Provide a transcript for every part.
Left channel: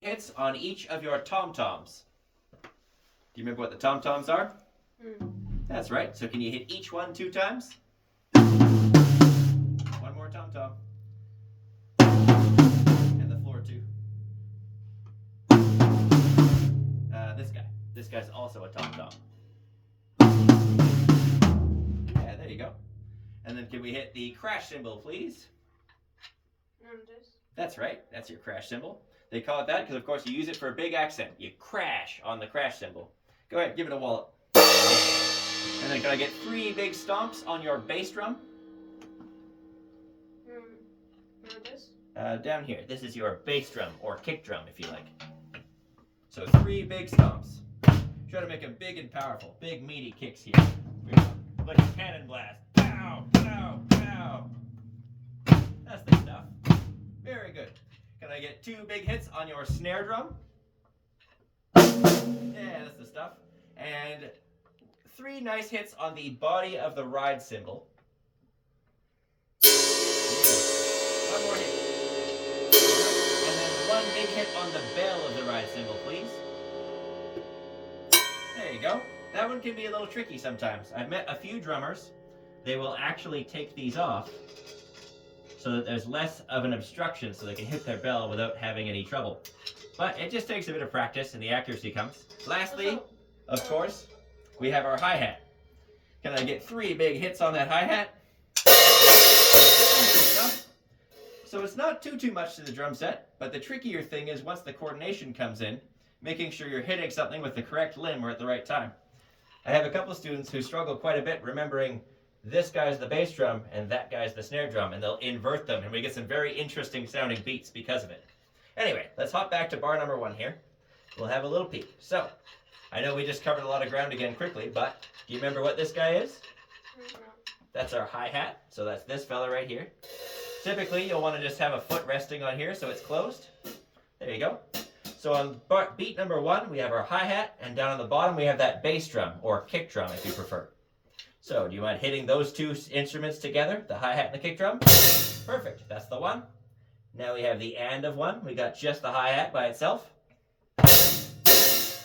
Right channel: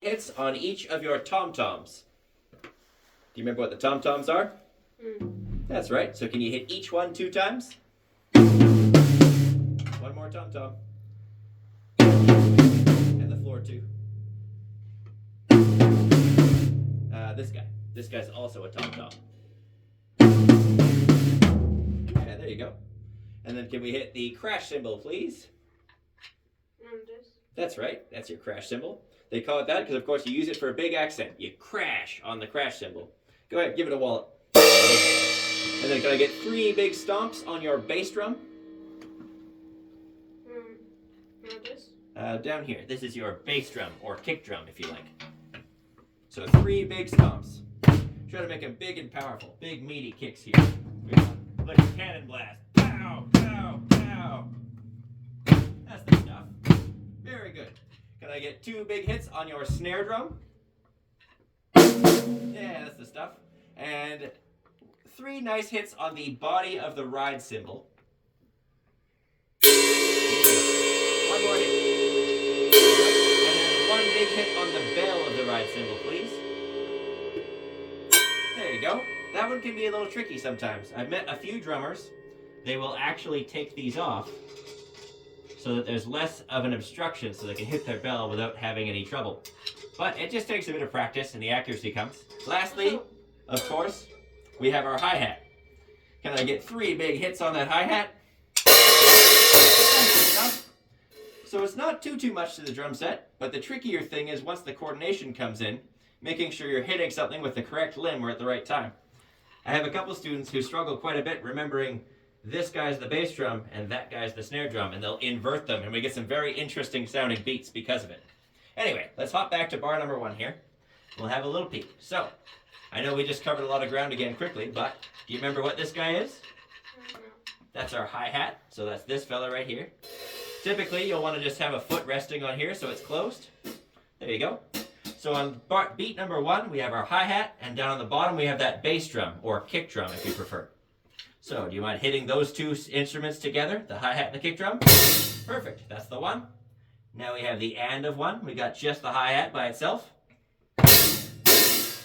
hits on each of your tom-toms. Do you remember what the tom-toms are? That's right. So can you hit each one 2 times? One more tom-tom. And the floor too. This guy. This guy's also a tom-tom. Yeah, there you go. And then can we hit the crash cymbal, please? That's right. That's your crash cymbal. They call it that because, of course, you use it for a big accent. You crash on the crash cymbal. Go ahead, give it a wallop. And then can I get 3 big stomps on your bass drum? Down here. This is your bass drum, or kick drum, if you like. So 3 big stomps. Try to make them big and powerful. Big, meaty kicks here. Like a cannon blast. Pow, pow, pow. That's the stuff. Very good. Can I get 2 big hits on your snare drum? Yeah, that's the stuff. And 3 nice hits on the body of the ride cymbal. One more hit. And then 1 big hit on the bell of the ride cymbal, please. There you go. That one can be a little tricky sometimes. I've met a few drummers. They will actually take these off so that there's less of an obstruction so they can hit their bell without having any trouble. But it just takes a bit of practice and the accuracy comes. Lastly, of course, we have our hi-hat. Can I get 3 big hits on that hi-hat? So it's not too much to the drum set, but the trickier thing is once the coordination comes in, making sure you're hitting something with the correct limb or at the right time. I have a couple students who struggle quite a bit remembering this guy's the bass drum and that guy's the snare drum, and they'll invert them, and we get some very interesting sounding beats because of it. Anyway, let's hop back to bar number 1 here. We'll have a little peek. So, I know we just covered a lot of ground again quickly, but do you remember what this guy is? That's our hi-hat, so that's this fella right here. Typically, you'll want to just have a foot resting on here so it's closed. There you go. So on beat number 1, we have our hi-hat, and down on the bottom we have that bass drum, or kick drum if you prefer. So, do you mind hitting those 2 instruments together, the hi-hat and the kick drum? Perfect, that's the one. Now we have the and of 1. We got just the hi-hat by itself.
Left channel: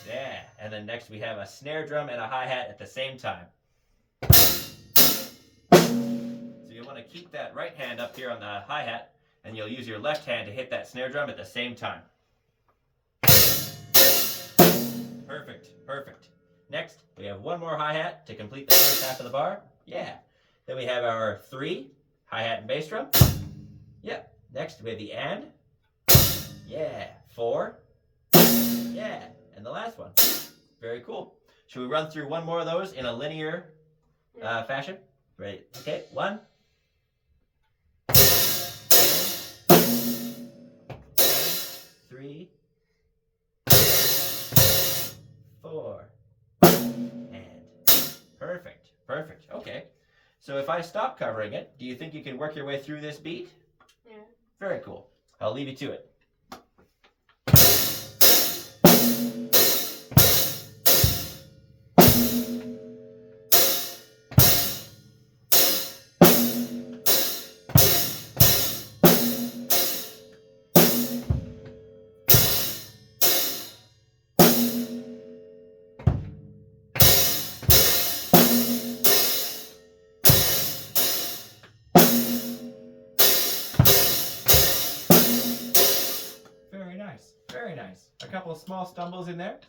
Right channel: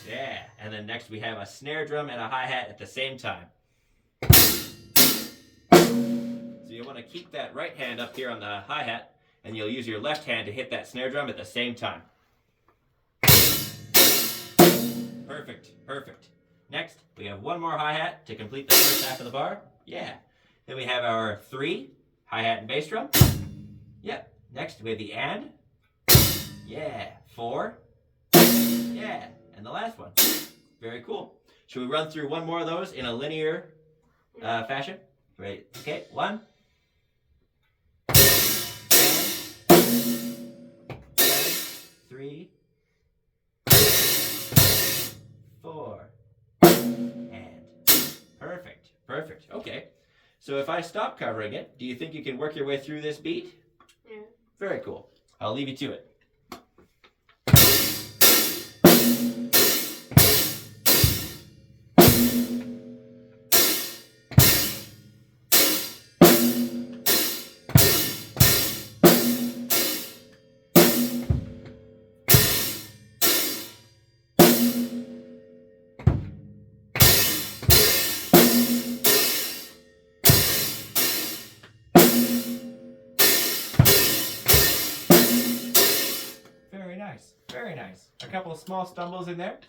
Yeah, and then next we have a snare drum and a hi-hat at the same time. So you want to keep that right hand up here on the hi-hat, and you'll use your left hand to hit that snare drum at the same time. Perfect, perfect. Next, we have 1 more hi-hat to complete the first half of the bar. Yeah. Then we have our 3 hi-hat and bass drum. Yep. Next, we have the and. Yeah. 4. Yeah. And the last one. Very cool. Should we run through 1 more of those in a linear fashion? Ready? Okay. 1. And 3. 4. And perfect, perfect. Okay, so if I stop covering it, do you think you can work your way through this beat? Yeah. Very cool. I'll leave you to it. Very nice. A couple of small stumbles in there.